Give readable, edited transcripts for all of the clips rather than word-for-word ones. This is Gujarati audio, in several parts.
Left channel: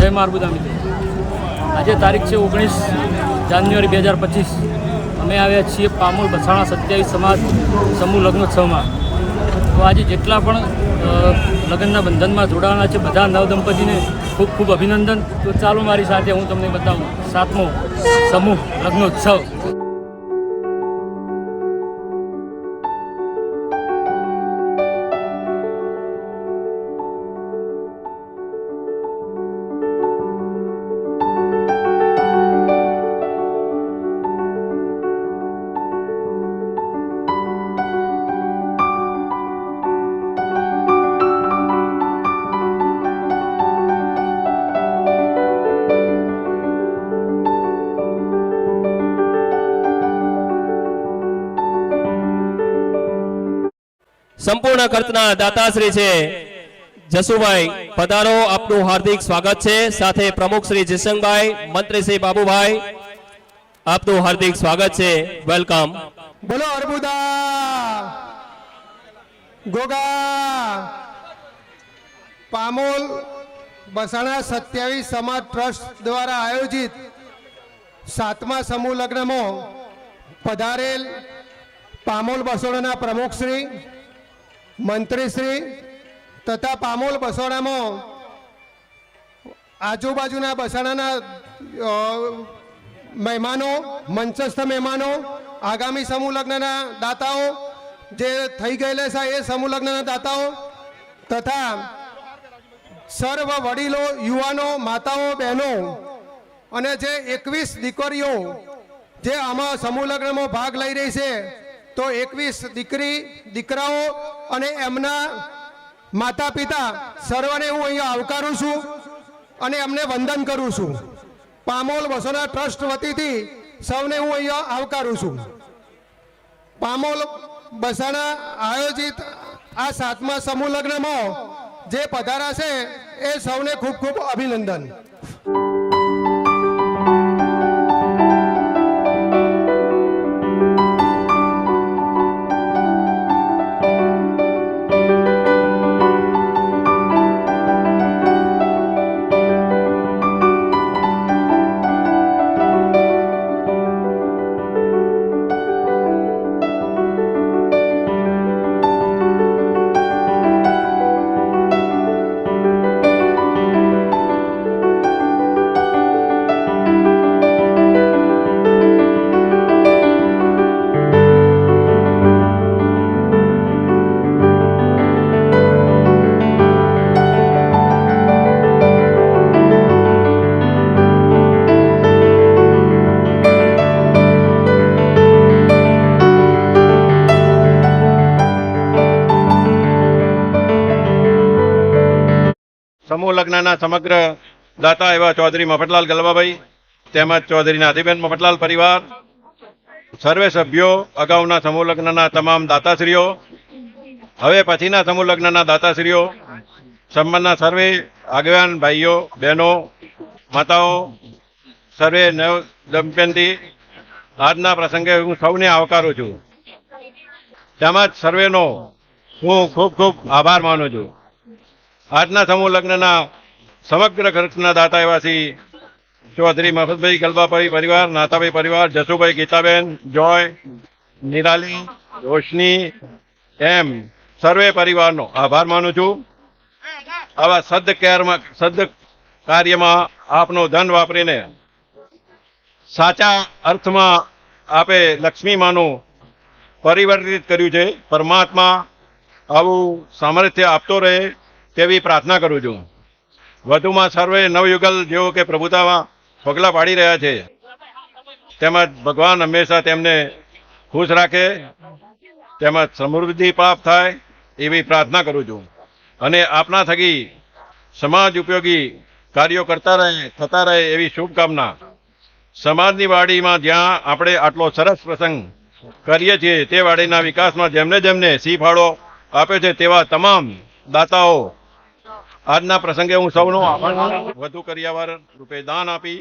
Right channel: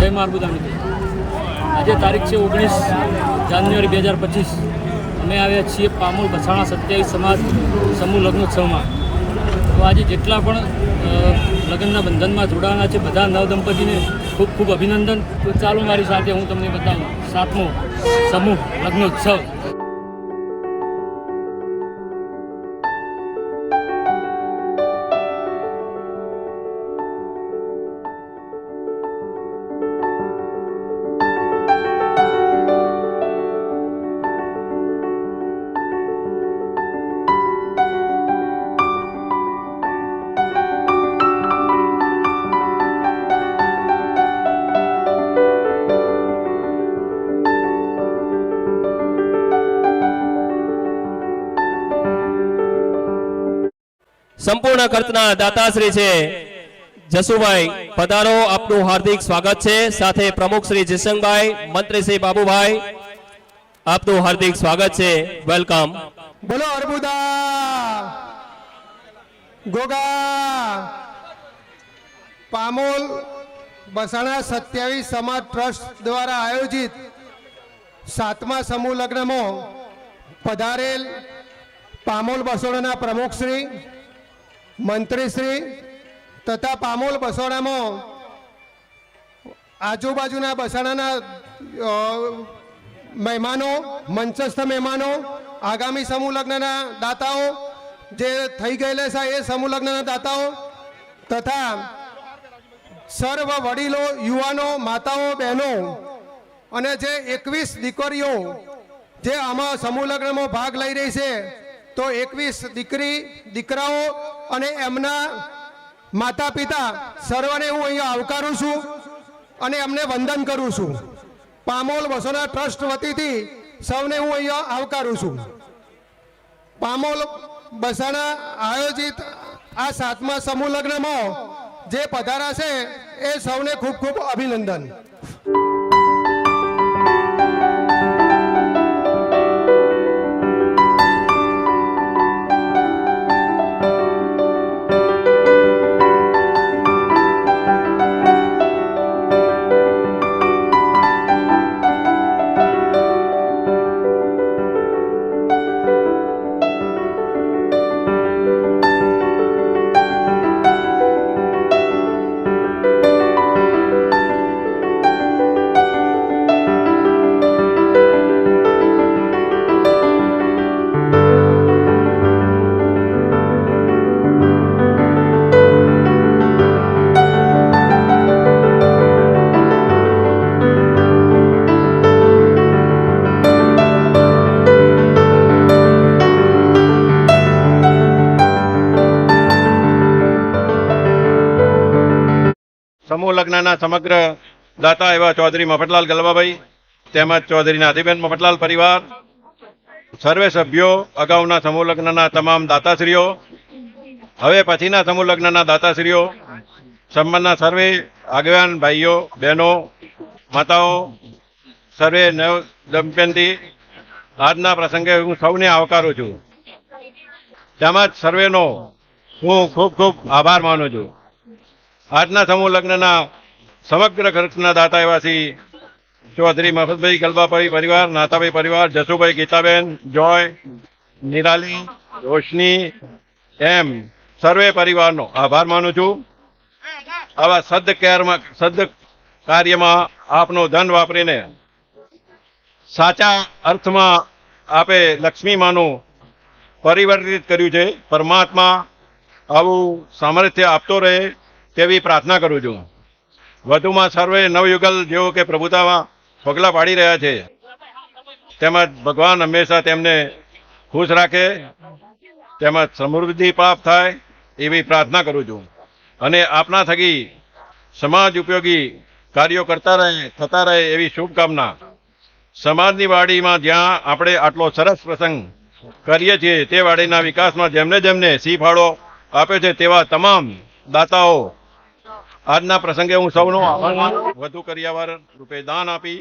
જય મારબુદા મિત્રો, આજે તારીખ છે 19 જાન્યુઆરી 2025. અમે આવ્યા છીએ પામોલ બસાણા 27 સમાજ સમૂહ લગ્નોત્સવમાં. તો આજે જેટલા પણ લગ્નના બંધનમાં જોડાવાના છે બધા નવદંપતિને ખૂબ ખૂબ અભિનંદન. તો ચાલો મારી સાથે હું તમને બતાવું 7મો સમૂહ લગ્નોત્સવ. સંપૂર્ણ ખર્ચના દાતાશ્રી છે જસુભાઈ, પધારો, આપનું હાર્દિક સ્વાગત છે. સાથે પ્રમુખ શ્રી જસંગભાઈ, મંત્રી શ્રી બાબુભાઈ, આપનું હાર્દિક સ્વાગત છે. વેલકમ. બોલો અર્બુદા ગોગા. પામોલ બસાણા 27 સમાજ ટ્રસ્ટ દ્વારા આયોજિત 7મા સમૂહ લગ્નમાં પધારેલ પામોલ બસોડાના પ્રમુખશ્રી, મંત્રીશ્રી તથા પામોલ બસોડામાં આજુબાજુના બસાડાના મહેમાનો, મંચસ્થ મહેમાનો, આગામી સમૂહ લગ્નના દાતાઓ, જે થઈ ગયેલા છે એ સમૂહ લગ્નના દાતાઓ તથા સર્વ વડીલો, યુવાનો, માતાઓ, બહેનો અને જે 21 દીકરીઓ જે આમાં સમૂહ લગ્નમાં ભાગ લઈ રહી છે, તો 21 દીકરી દીકરાઓ અને એમના માતા પિતા સર્વને હું અહીંયા આવકારું છું અને એમને વંદન કરું છું. પામોલ બસોના ટ્રસ્ટ વતીથી સૌને હું અહીંયા આવકારું છું. પામોલ બસાણા આયોજિત આ 7મા સમૂહ લગ્નમાં જે પધારા છે એ સૌને ખૂબ ખૂબ અભિનંદન. સમૂહ લગ્નના સમગ્ર દાતા એવા ચૌધરી મફતલાલ ગલબાભાઈ તેમજ ચૌધરી નાથીબેન મફતલાલ પરિવાર, સર્વે સભ્યો, અગાઉના સમૂહ લગ્નના તમામ દાતાશ્રીઓ, હવે પછીના સમૂહ લગ્નના દાતાશ્રીઓ, સંબંધના સર્વે આગેવાન ભાઈઓ, બહેનો, માતાઓ, સર્વે નવ દંપતી, આજના પ્રસંગે હું સૌને આવકારું છું. તેમજ સર્વેનો હું ખૂબ ખૂબ આભાર માનું છું. આજના સમૂહ લગ્નના સમગ્ર ખર્ચના દાતાઓથી ચૌધરી મહબૂબભાઈ ગલબાભાઈ પરિવાર, નાથાભાઈ પરિવાર, જસુભાઈ, ગીતાબેન, જોય, નિરાલી, રોશની એમ સર્વે પરિવારનો આભાર માનું છું. આવા સદ કાર્યમાં આપનું ધન વાપરીને સાચા અર્થમાં આપે લક્ષ્મી માનો પરિવર્તિત કર્યું છે. પરમાત્મા આવું સામર્થ્ય આપતો રહે તેવી પ્રાર્થના કરું છું. વધુમાં સર્વે નવયુગલ જેઓ કે પ્રભુતામાં પગલાં પાડી રહ્યા છે, તેમજ ભગવાન હંમેશા તેમને ખુશ રાખે, તેમજ સમૃદ્ધિ પ્રાપ્ત થાય એવી પ્રાર્થના કરું છું. અને આપના થકી સમાજ ઉપયોગી કાર્યો કરતા રહે, થતા રહે એવી શુભકામના. સમાજની વાડીમાં જ્યાં આપણે આટલો સરસ પ્રસંગ કરીએ છીએ તે વાડીના વિકાસમાં જેમને જેમને સી ફાળો આપે છે તેવા તમામ દાતાઓ આજના પ્રસંગે હું સૌનો વધુ કરિયાવર રૂપે દાન આપી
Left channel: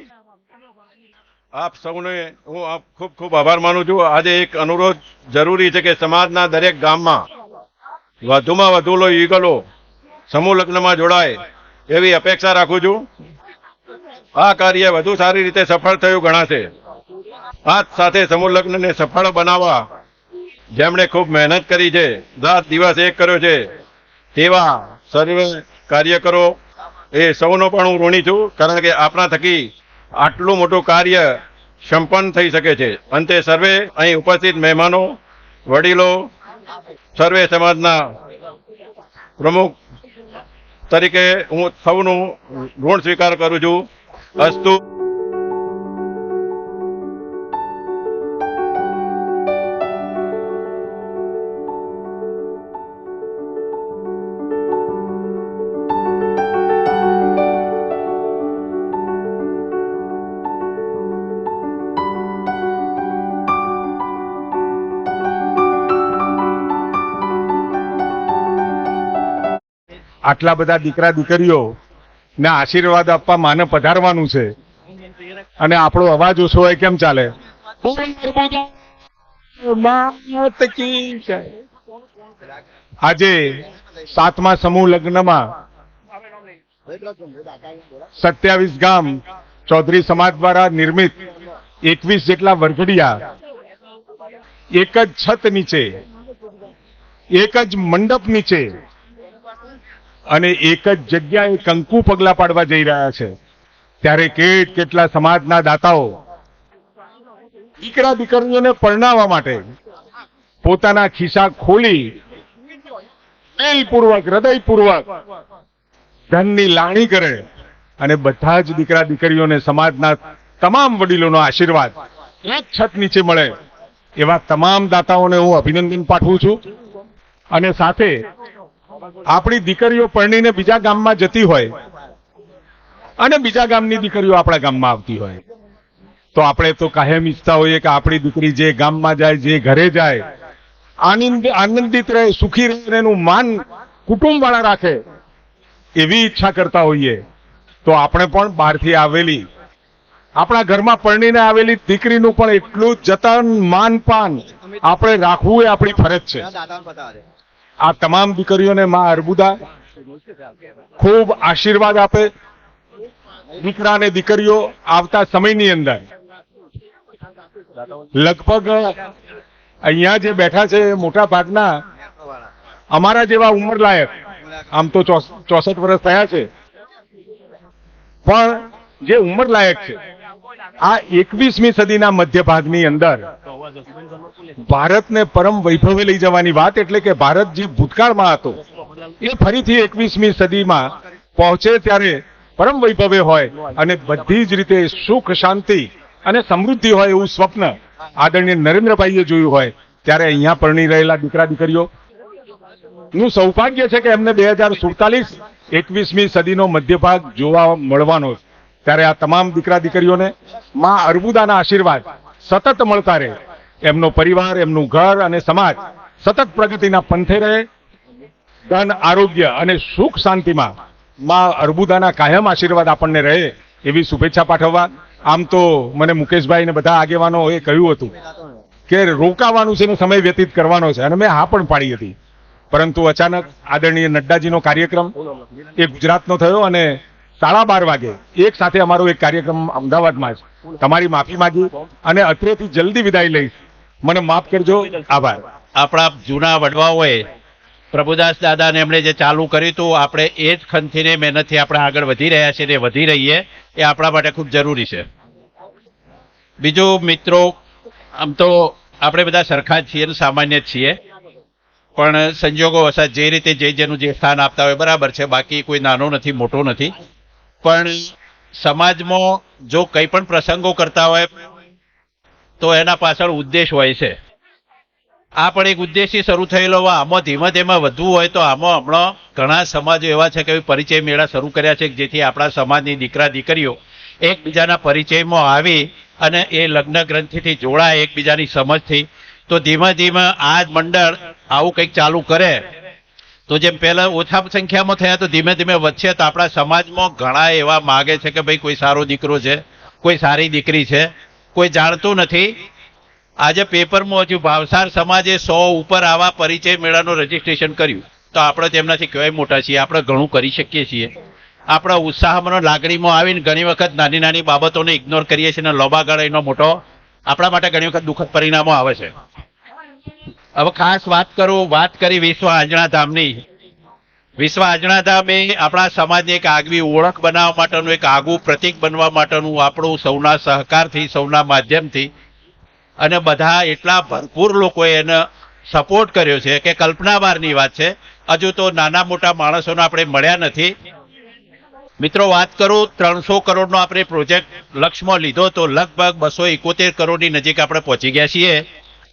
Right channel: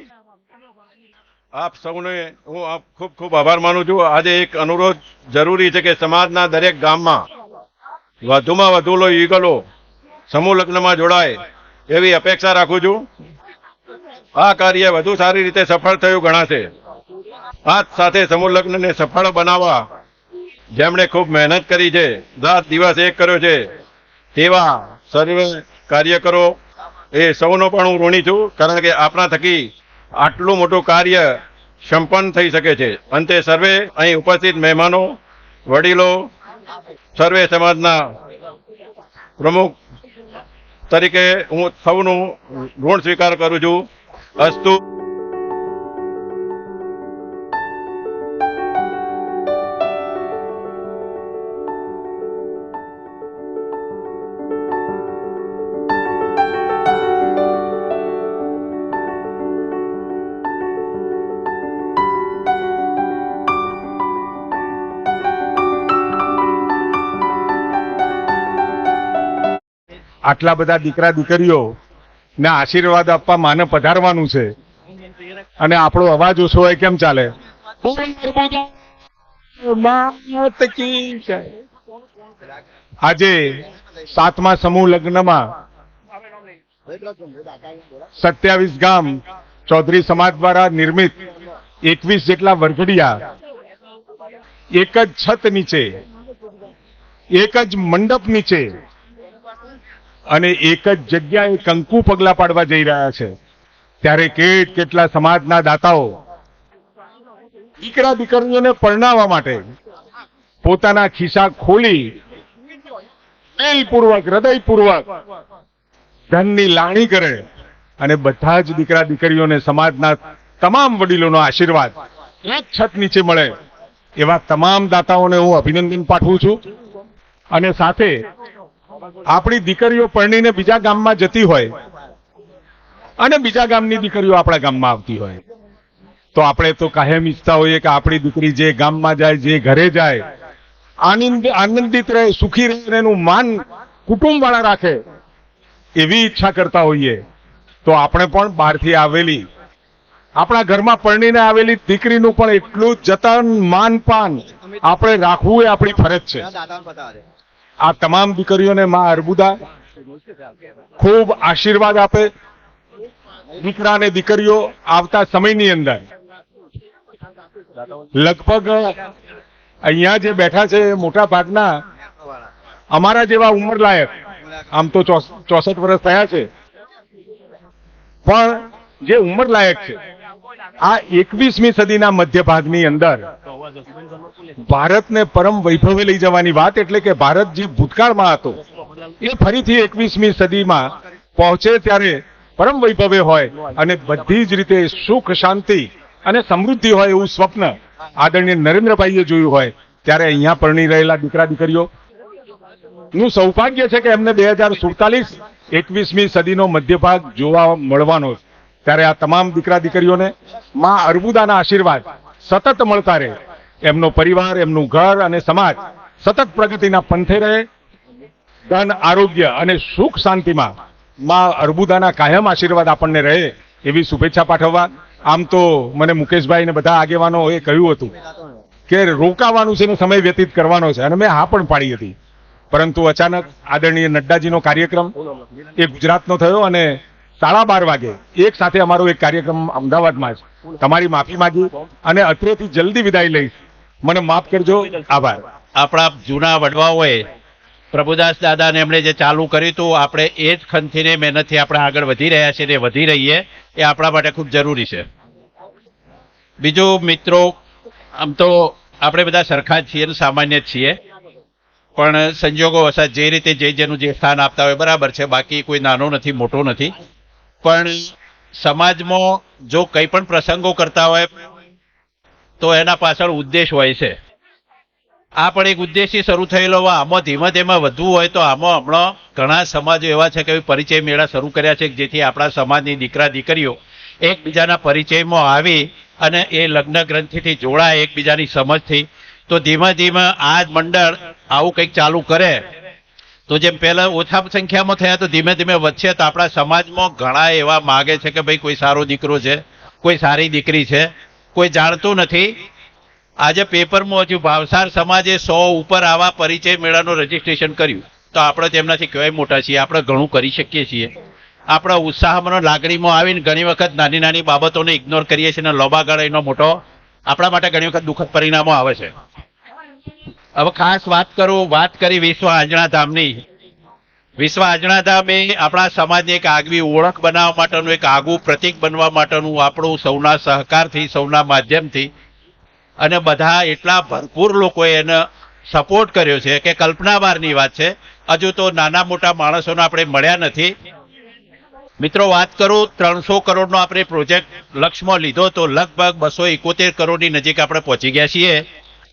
આપ સૌને હું ખૂબ ખૂબ આભાર માનું છું. આજે એક અનુરોધ જરૂરી છે કે સમાજના દરેક ગામમાં વધુમાં વધુ યુગલો સમૂહ લગ્નમાં જોડાય એવી અપેક્ષા રાખું છું. આ કાર્ય વધુ સારી રીતે સફળ થયું ગણાશે. આ સાથે સમૂહ લગ્નને સફળ બનાવવા જેમણે ખૂબ મહેનત કરી છે, રાત દિવસ એક કર્યો છે, તેવા સર્વે કાર્યકરો એ સૌનો પણ હું ઋણી છું, કારણ કે આપણા થકી આટલું મોટું કાર્ય સંપન્ન થઈ શકે છે. અંતે સર્વે અહીં ઉપસ્થિત મહેમાનો, વડીલો, સર્વે સમાજના પ્રમુખ તરીકે હું સૌનું ઋણ સ્વીકાર કરું છું. અસ્તુ. આટલા બધા દીકરા દીકરીઓ ને આશીર્વાદ આપવા માને પધારવાનું છે અને આપણો અવાજ ઓછો હોય કેમ ચાલે? આજે 7મા સમૂહ લગ્નમાં 27 ગામ ચૌધરી સમાજ દ્વારા નિર્મિત 21 જેટલા વરઘડિયા એક જ છત નીચે, એક જ મંડપ નીચે અને એક જ જગ્યાએ કંકુ પગલા પાડવા જઈ રહ્યા છે. ત્યારે કેટલા સમાજના દાતાઓ દીકરા દીકરીઓને પરણાવવા માટે પોતાના ખિસ્સા ખોલી દિલપૂર્વક, હૃદયપૂર્વક ધનની લાગણી કરે અને બધા જ દીકરા દીકરીઓને સમાજના તમામ વડીલોનો આશીર્વાદ એક છત નીચે મળે એવા તમામ દાતાઓને હું અભિનંદન પાઠવું છું. અને સાથે આપણી દીકરીઓ પરણીને બીજા ગામમાં જતી હોય અને બીજા ગામની દીકરીઓ આપણા ગામમાં આવતી હોય તો આપણે તો કાયમ ઈચ્છતા હોઈએ કે આપણી દીકરી જે ગામમાં જાય, જે ઘરે જાય, આનંદિત રહે, સુખી રહે, એનું માન કુટુંબ વાળા રાખે એવી ઈચ્છા કરતા હોઈએ. તો આપણે પણ બહારથી આવેલી, આપણા ઘરમાં પરણીને આવેલી દીકરીનું પણ એટલું જ જતન, માનપાન આપણે રાખવું એ આપણી ફરજ છે. આ તમામ દીકરીઓને માં અર્બુદા ખૂબ આશીર્વાદ આપે. દીકરા અને દીકરીઓ આવતા સમયની અંદર લગભગ અહીંયા જે બેઠા છે મોટા ભાગના અમારા જેવા ઉંમર લાયક, આમ તો 64 વર્ષ થયા છે, પણ જે ઉંમર લાયક છે આ 21મી સદીના મધ્ય ભાગની અંદર ભારતને પરમ વૈભવે લઈ જવાની વાત, એટલે કે ભારત જે ભૂતકાળમાં હતો એ ફરીથી 21મી સદીમાં પહોંચે ત્યારે પરમ વૈભવે હોય અને બધી જ રીતે સુખ, શાંતિ અને સમૃદ્ધિ હોય એવું સ્વપ્ન આદરણીય નરેન્દ્રભાઈએ જોયું હોય ત્યારે અહીંયા પરણી રહેલા દીકરા દીકરીઓ નું સૌભાગ્ય છે કે એમને 2047 21મી સદીનો મધ્ય ભાગ જોવા મળવાનો છે. ત્યારે આ તમામ દીકરા દીકરીઓને માં અર્બુદાના આશીર્વાદ સતત મળતા રહે, એમનો પરિવાર, એમનું ઘર અને સમાજ સતત પ્રગતિના પંથે રહે, ધન, આરોગ્ય અને સુખ શાંતિમાં માં અર્બુદાના કાયમ આશીર્વાદ આપણને રહે એવી શુભેચ્છા પાઠવવા. આમ તો મને મુકેશભાઈ ને બધા આગેવાનોએ કહ્યું હતું કે રોકાવાનું છે ને સમય વ્યતીત કરવાનો છે અને મેં હા પણ પાડી હતી, પરંતુ અચાનક આદરણીય નડ્ડાજીનો કાર્યક્રમ એ ગુજરાતનો થયો અને 12:30 વાગે એક સાથે અમારો એક કાર્યક્રમ અમદાવાદમાં છે. તમારી માફી માંગી અને અત્રેથી જલ્દી વિદાય લઈશ, મને માફ કરજો. આભાર. આપણા જૂના વડવાઓએ પ્રભુદાસ દાદાને એમણે જે ચાલુ કર્યું હતું, આપણે એ જ ખંતીને મહેનતથી આપણે આગળ વધી રહ્યા છીએ ને વધી રહીએ એ આપણા માટે ખૂબ જરૂરી છે. બીજું મિત્રો, આમ તો આપણે બધા સરખા જ છીએ ને સામાન્ય જ છીએ, પણ સંજોગો વસાત જે રીતે જેનું જે સ્થાન આપતા હોય બરાબર છે, બાકી કોઈ નાનો નથી, મોટો નથી. પણ સમાજમાં જો કંઈ પણ પ્રસંગો કરતા હોય તો એના પાછળ ઉદ્દેશ હોય છે. આ પણ એક ઉદ્દેશથી શરૂ થયેલો હોય. આમાં ધીમે ધીમે વધવું હોય તો આમાં હમણાં ઘણા સમાજો એવા છે કે પરિચય મેળા શરૂ કર્યા છે જેથી આપણા સમાજની દીકરા દીકરીઓ એકબીજાના પરિચયમાં આવી અને એ લગ્ન ગ્રંથિથી જોડાય એકબીજાની સમજથી. તો ધીમે ધીમે આ જ મંડળ આવું કંઈક ચાલુ કરે તો જેમ પહેલા ઓછા સંખ્યામાં થયા તો ધીમે ધીમે વધશે. તો આપણા સમાજમાં ઘણા એવા માગે છે કે ભાઈ કોઈ સારો દીકરો છે, કોઈ સારી દીકરી છે, કોઈ જાણતું નથી. આજે પેપરમાં હજુ ભાવસાર સમાજે 100 ઉપર આવા પરિચય મેળાનું રજીસ્ટ્રેશન કર્યું. તો આપણે તેમનાથી કઈ મોટા છીએ, આપણે ઘણું કરી શકીએ છીએ. આપણા ઉત્સાહમાં લાગણીમાં આવીને ઘણી વખત નાની નાની બાબતોને ઇગ્નોર કરીએ છીએ અને લોબા ગાળે એનો મોટો આપણા માટે ઘણી વખત દુઃખદ પરિણામો આવે છે. હવે ખાસ વાત કરી વિશ્વ આંજણા ધામની. વિશ્વ આંજણા ધામ એ આપણા સમાજની એક આગવી ઓળખ બનાવવા માટેનું, એક આગવું પ્રતીક બનવા માટેનું આપણું સૌના સહકારથી, સૌના માધ્યમથી અને બધા એટલા ભરપૂર લોકોએ એને સપોર્ટ કર્યો છે કે કલ્પના બહારની વાત છે. હજુ તો નાના મોટા માણસોને આપણે મળ્યા નથી. મિત્રો, વાત કરું 300 કરોડનો આપણે પ્રોજેક્ટ લક્ષ્યમાં લીધો તો લગભગ 271 કરોડની નજીક આપણે પહોંચી ગયા છીએ.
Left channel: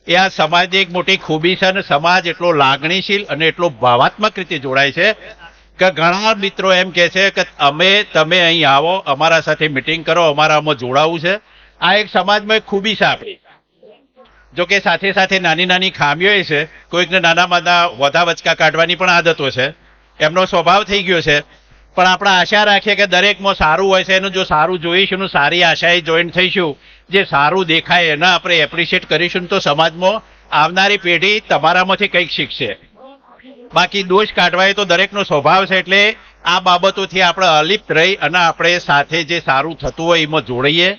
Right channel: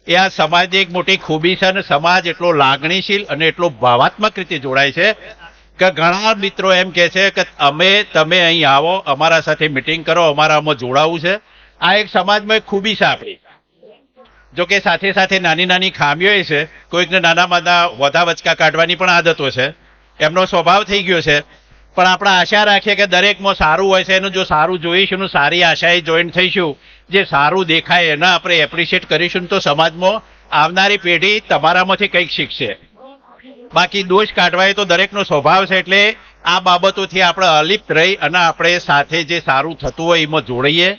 એ આ સમાજની એક મોટી ખૂબી છે અને સમાજ એટલો લાગણીશીલ અને એટલો ભાવાત્મક રીતે જોડાય છે કે ઘણા મિત્રો એમ કહે છે કે તમે અહીં આવો, અમારા સાથે મિટિંગ કરો, અમારામાં જોડાવું છે. આ એક સમાજમાં એક ખૂબી છે આપણી. જો કે સાથે સાથે નાની નાની ખામીઓ છે. કોઈકને નાના માના વધા વચકા કાઢવાની પણ આદતો છે, એમનો સ્વભાવ થઈ ગયો છે. પણ આપણે આશા રાખીએ કે દરેકમાં સારું હોય છે. એનું જો સારું જોઈશું, સારી આશાએ જોઈન થઈશું, જે સારું દેખાય એને આપણે એપ્રિશિએટ કરીશું તો સમાજમાં આવનારી પેઢી તમારામાંથી કંઈક શીખશે. બાકી દોષ કાઢવા એ તો દરેકનો સ્વભાવ છે. એટલે આ બાબતોથી આપણે અલિપ્ત રહી અને આપણે સાથે જે સારું થતું હોય એમાં જોડાઈએ.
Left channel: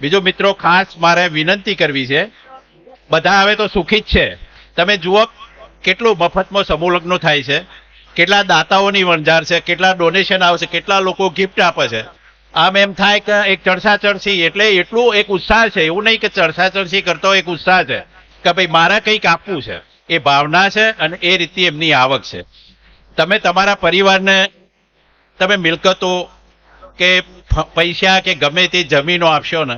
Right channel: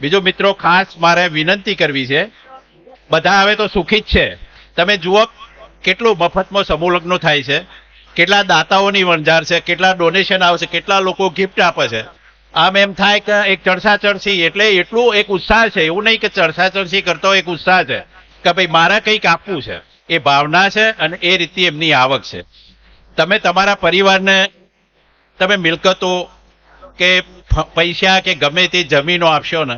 બીજો મિત્રો, ખાસ મારે વિનંતી કરવી છે, બધા હવે તો સુખી જ છે. તમે જુઓ કેટલું મફતમાં સમૂહ લગ્નો થાય છે, કેટલા દાતાઓની વણઝાર છે, કેટલા ડોનેશન આવશે, કેટલા લોકો ગિફ્ટ આપે છે. આમ એમ થાય કે એક ચડસા ચડસી એટલે એટલું એક ઉત્સાહ છે. એવું નહીં કે ચડસા ચડસી કરતો એક ઉત્સાહ છે કે ભાઈ મારે કંઈક આપવું છે, એ ભાવના છે અને એ રીતે એમની આવક છે. તમે તમારા પરિવારને તમે મિલકતો કે પૈસા કે ગમે તે જમીનો આપશો ને,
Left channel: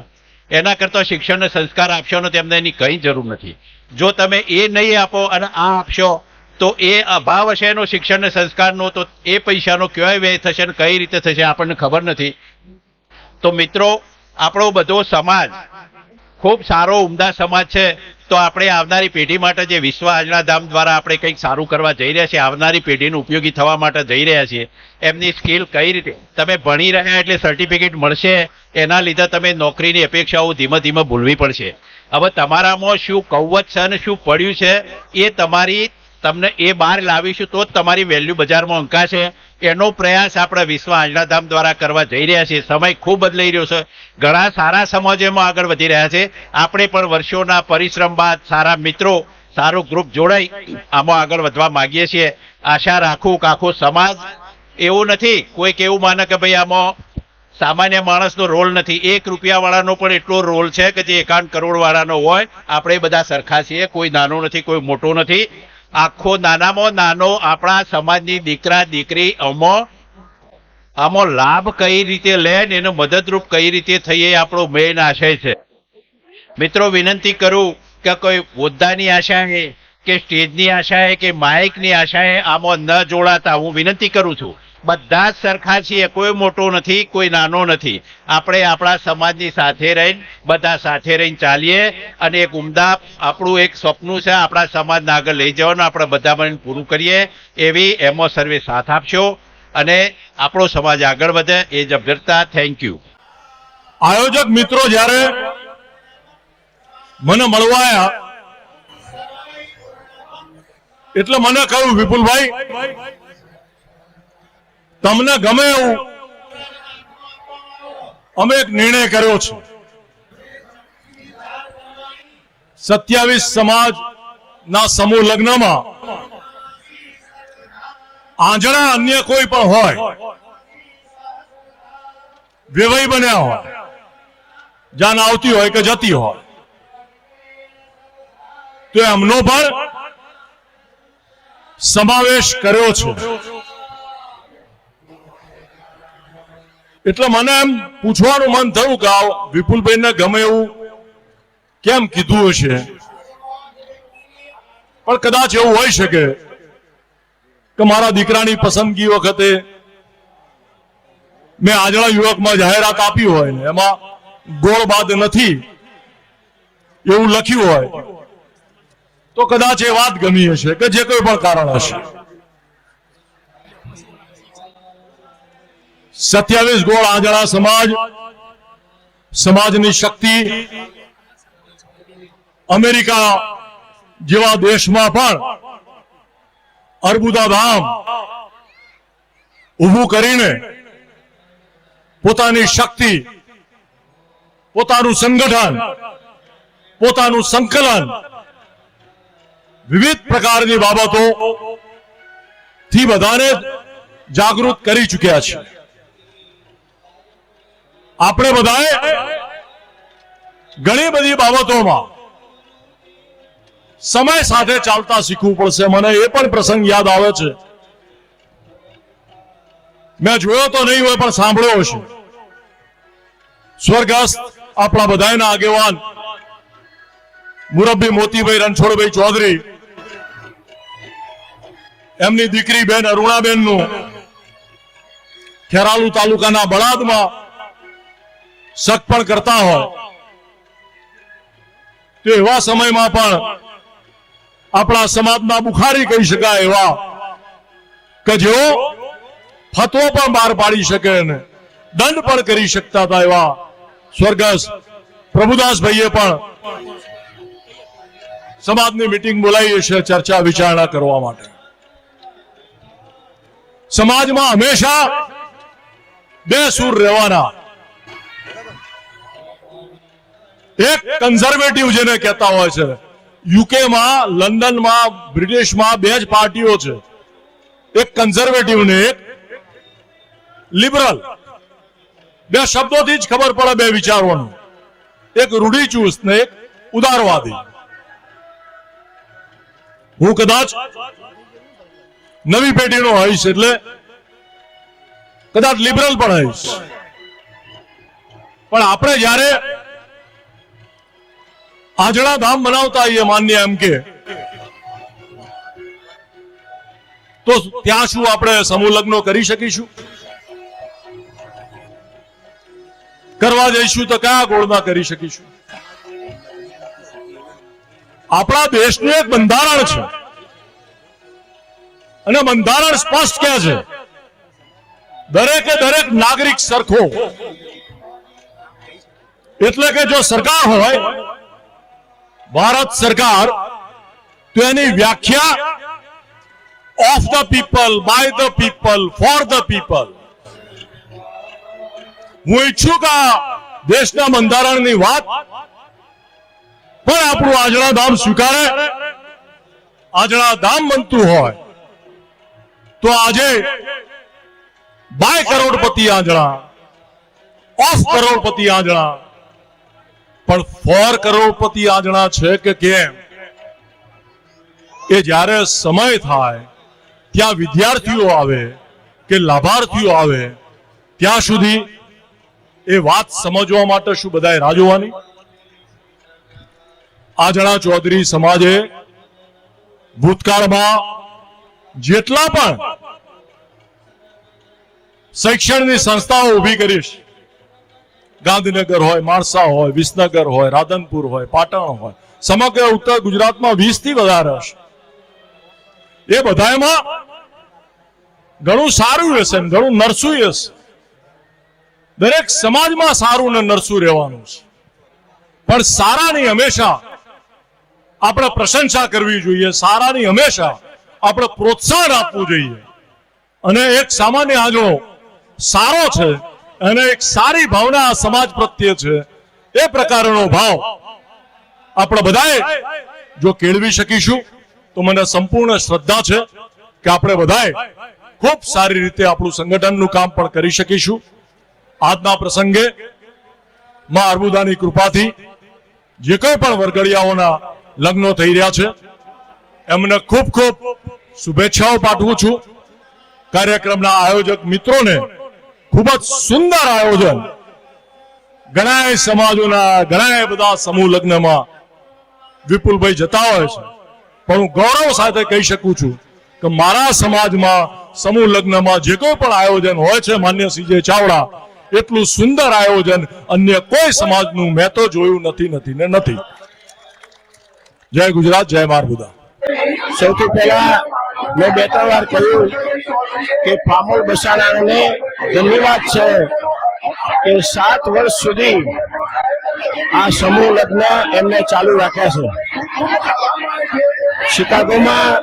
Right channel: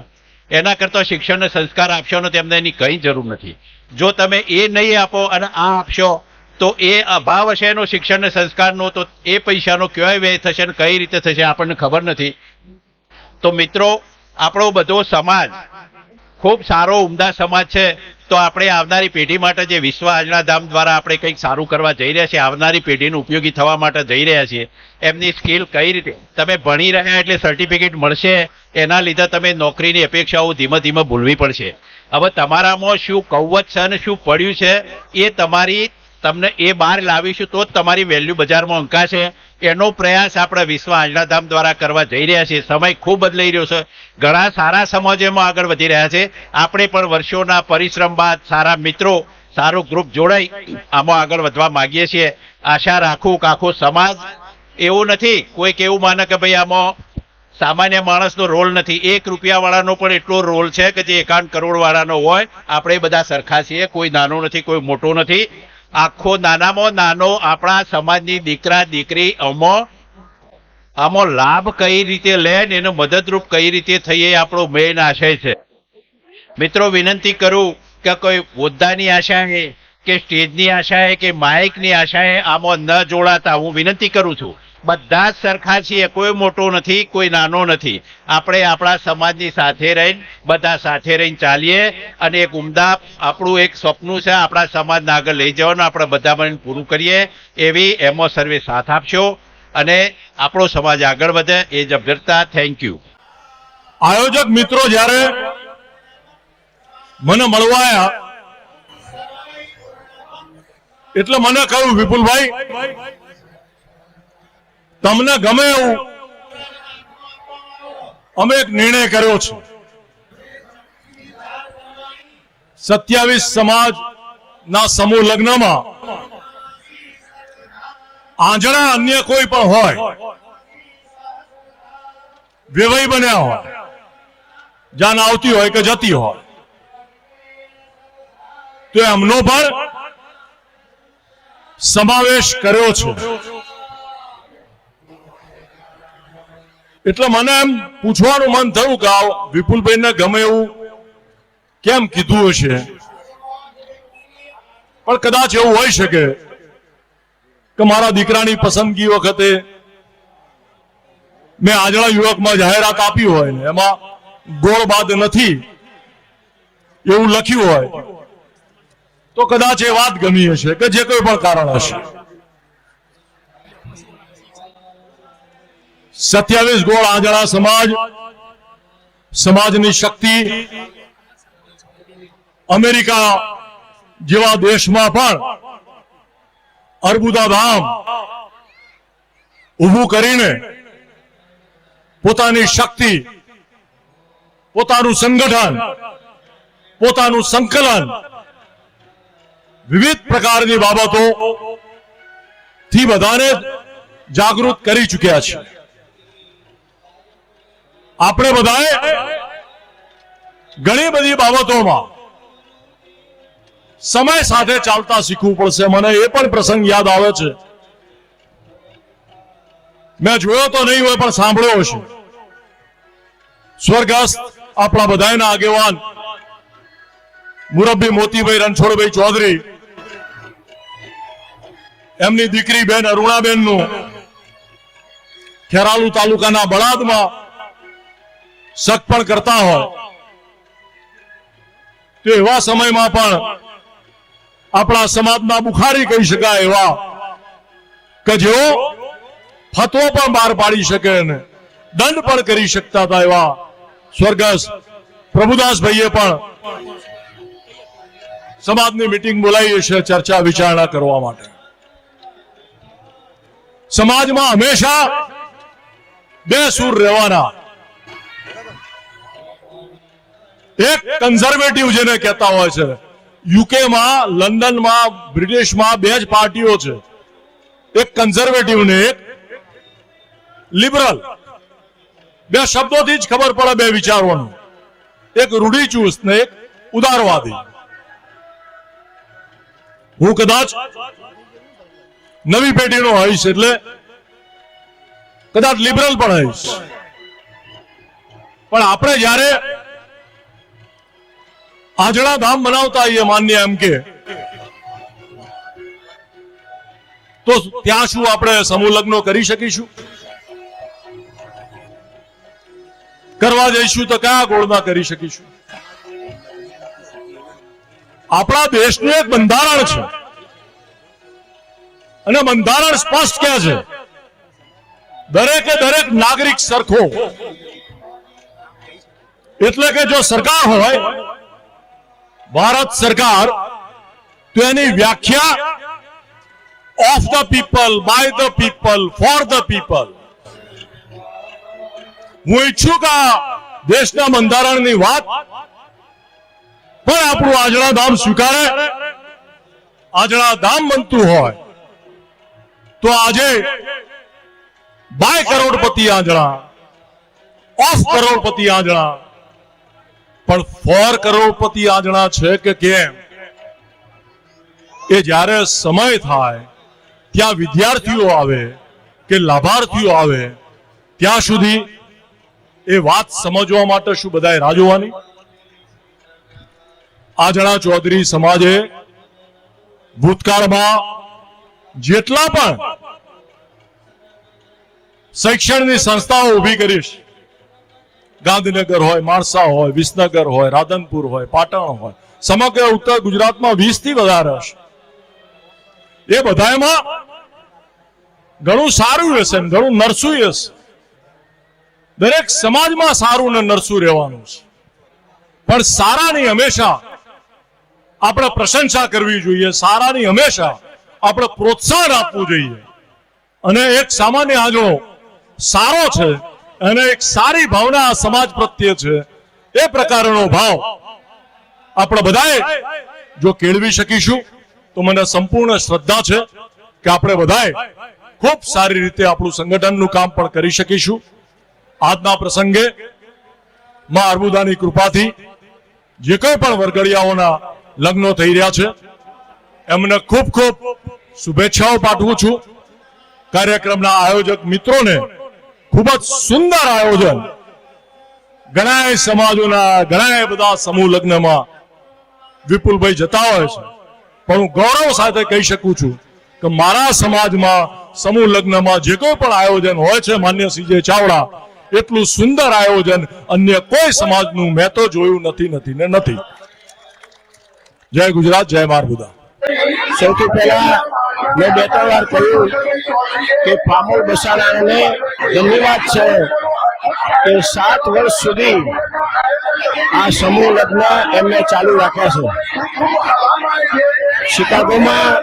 એના કરતા શિક્ષણ અને સંસ્કાર આપશો ને તેમને એની કંઈ જરૂર નથી. જો તમે એ નહીં આપો અને આ આપશો તો એ અભાવ હશે એનો શિક્ષણ અને સંસ્કારનો, તો એ પૈસાનો કયો વ્યય થશે અને કઈ રીતે થશે આપણને ખબર નથી. તો મિત્રો, આપણો બધો સમાજ ખૂબ સારો ઉમદા સમાજ છે. તો આપણે આવનારી પેઢી માટે જે વિશ્વ આંજણા ધામ દ્વારા આપણે કંઈક સારું કરવા જઈ રહ્યા છીએ, આવનારી પેઢીને ઉપયોગી થવા માટે જઈ રહ્યા છીએ, એમની સ્કિલ કઈ રીતે, તમે ભણી રહ્યા એટલે સર્ટિફિકેટ મળશે, એના લીધે તમે નોકરીની અપેક્ષાઓ ધીમે ધીમે ભૂલવી પડશે. હવે તમારામાં શું કૌવત છે અને શું પડ્યું છે એ તમને એ બહાર લાવીશું તો જ તમારી વેલ્યુ બજારમાં અંકાશે. એનો પ્રયાસ આપણે વિશ્વ આંજણા ધામ દ્વારા કરવા જઈ રહ્યા છીએ. સમય ખૂબ બદલાઈ રહ્યો છે. ઘણા સારા સમાજોમાં આગળ વધી રહ્યા છે. આપણે પણ વર્ષોના પરિશ્રમ બાદ સારા મિત્રો, સારું ગ્રુપ જોડાઈ આમાં આગળ વધવા માંગીએ છીએ. આશા રાખું કે આખો સમાજ, એવું નથી કોઈક એવું માને કે ભાઈ આમાં સામાન્ય માણસનો રોલ નથી. 1 રૂપિયાવાળાનો પણ એટલો રોલ છે કે જે 51 કરોડવાળાનો હોય. આપણે બધા સરખા છીએ, કોઈ નાનો નથી, કોઈ મોટો નથી. આખો નાનામાં નાનો આપણા સમાજની દીકરા દીકરી આમાં લાભ કઈ રીતે લે ને એનો મદદરૂપ કઈ રીતે થઈએ, આપણો મેઇન આશય છે. મિત્રો, વિનંતી કરું કે કોઈ હોદ્દાની આશાએ કે સ્ટેજની આશાએ કે માઇકની આશાએ આમાં ન જોડાતા હું વિનંતી કરું છું. બધા જ સરખા છીએ, કોઈ મોટો નથી, કોઈ નાનો નથી. આપણે આપણા સમાજની સાથે રહીને બધા સાથે રહીને ચાલીએ અને એક ઉમદા આપણું એક સપનું છે આપણા સમાજને આગળ લઈ જવાનું, આપણે બધા મળીને પૂરું કરીએ એવી એમાં સર્વે સાથ આપશો અને આપણો સમાજ આગળ વધે એ જ અભ્યર્થના. Thank you. આયોજક મિત્રો જ્યારે મને મળવા આવ્યા એટલે મને કહ્યું, વિપુલભાઈ તમને ગમે એવું અમે એક નિર્ણય કર્યો છે. 27 સમાજના સમૂહ લગ્નમાં આંજણા અન્ય કોઈ પણ હોય, વેવાઈ બન્યા હોય, જાન આવતી હોય કે જતી હોય, તો એમનો પણ સમાવેશ કર્યો છે. એટલે મને એમ પૂછવાનું મન થયું કે વિપુલભાઈને ગમે એવું કેમ કીધું હશે, પણ કદાચ એવું હોઈ શકે કે મારા દીકરાની પસંદગી વખતે મેં આંજણા યુવકમાં જાહેરાત આપી હોય ને એમાં ગોળ બાદ નથી એવું લખ્યું હોય તો કદાચ એ વાત ગમી હશે કે જે કોઈ પણ કારણ હશે. 27 ગોળ આંજણા સમાજની શક્તિ અમેરિકા જેવા દેશમાં પણ અર્બુદા ધામ ઊભું કરીને પોતાની શક્તિ, પોતાનું સંગઠન, પોતાનું સંકલન વિવિધ પ્રકારની બાબતો થી બધાને જાગૃત કરી ચૂક્યા છે. આપણે બધાએ ઘણી બધી બાબતોમાં સમય સાથે ચાલતા શીખવું પડશે. મને એ પણ પ્રસંગ યાદ આવે છે, મેં જોયો તો નહીં હોય પણ સાંભળ્યો હશે. સ્વર્ગસ્થ આપણા બધાના આગેવાન મુરબ્બી મોતીભાઈ રણછોડભાઈ ચૌધરી, એમની દીકરી બેન અરુણાબેનનું ખેરાલુ તાલુકાના બળાદમાં સગપણ કરતા હોય તો એવા સમયમાં પણ આપણા સમાજના બુખારી કહી શકાય એવા કે જેઓ ફતવો પણ બહાર પાડી શકે અને દંડ પણ કરી શકતા હતા એવા સ્વર્ગસ્થ પ્રભુદાસભાઈએ પણ સમાજની મીટિંગ બોલાવી છે ચર્ચા વિચારણા કરવા માટે. સમાજમાં હંમેશા બે સૂર રહેવાના, એક કન્ઝર્વેટિવ જેને કહેતા હોય છે. યુકેમાં, લંડનમાં, બ્રિટિશમાં બે જ પાર્ટીઓ છે, એક કન્ઝર્વેટિવ ને એક લિબરલ. બે શબ્દોથી જ ખબર પડે બે વિચારોનું, એક રૂઢિચુસ્ત ને એક ઉદારવાદી. હું કદાચ નવી પેઢીનો આવીશ એટલે કદાચ લિબરલ પણ આવીશ, પણ આપણે જયારે આજણા ધામ બનાવતા આવીએ માન્ય એમ કે, તો ત્યાં શું આપણે સમૂહ લગ્નો કરી શકીશું? કરવા જઈશું તો કયા ગોળના કરી શકીશું? આપણા દેશનું એક બંધારણ છે અને બંધારણ સ્પષ્ટ કહે છે દરેકે દરેક નાગરિક સરખો. એટલે કે જો સરકાર હોય ભારત સરકાર, તો એની વ્યાખ્યા of the people, by the people, for the people. હું ઈચ્છું કે દેશના બંધારણની વાત પણ આપણું આજણા ધામ સ્વીકારે. આજણા ધામ બનતું હોય તો આજે બાય કરોડપતિ આજણા, ઓફ કરોડપતિ આજણા, પણ ફોર કરોડપતિ આજણા છે કે કેમ? કે જ્યારે સમય થાય ત્યાં વિદ્યાર્થીઓ આવે કે લાભાર્થીઓ આવે ત્યાં સુધી એ વાત સમજવા માટે શું બધાએ રાહ જોવાની? આજણા ચૌધરી સમાજે ભૂતકાળમાં જેટલા પણ શૈક્ષણિક સંસ્થાઓ ઊભી કરીશ, ગાંધીનગર હોય, માણસા હોય, વિસનગર હોય, રાધનપુર હોય, પાટણ હોય, સમગ્ર ઉત્તર ગુજરાતમાં 20 થી વધારે હશે. એ બધામાં ઘણું સારું હશે, ઘણું નરસું હશે. દરેક સમાજમાં સારું ને નરસું રહેવાનું છે, પણ સારાની હંમેશા આપણે પ્રશંસા કરવી જોઈએ, સારાની હંમેશા આપણે પ્રોત્સાહન આપવું જોઈએ. અને એક સામાન્ય આજણો સારો છે અને એક સારી ભાવના સમાજ પ્રત્યે છે, એ પ્રકારનો ભાવ આપણે બધાએ જો કેળવી શકીશું તો મને સંપૂર્ણ શ્રદ્ધા છે કે આપણે બધાએ ખૂબ સારી રીતે આપણું સંગઠનનું કામ પણ કરી શકીશું. આજના પ્રસંગે માં અર્બુદાની કૃપાથી જે કોઈ પણ વરઘડિયાઓના લગ્નો થઈ રહ્યા છે એમને ખૂબ ખૂબ શુભેચ્છાઓ પાઠવું છું. કાર્યક્રમના આયોજક મિત્રોને ખૂબ જ સુંદર આયોજન, ઘણા સમાજોના ઘણા બધા સમૂહ લગ્નમાં વિપુલભાઈ જતા હોય છે, પણ હું ગૌરવ સાથે કહી શકું છું કે મારા સમાજમાં સમૂહ લગ્નમાં જે કોઈ પણ આયોજન હોય છે માન્ય સીજે ચાવડા, એટલું સુંદર આયોજન અન્ય કોઈ સમાજનું મેં તો જોયું નથી. જય ગુજરાત, જય મારબુદા. સૌથી પહેલા મેં 2-3 વાર કહ્યું કે પામોલ બસાણાને ધન્યવાદ છે કે 7 વર્ષ સુધી આ સમૂહ લગ્ન એમને ચાલુ રાખ્યા છે. શિકાગોમાં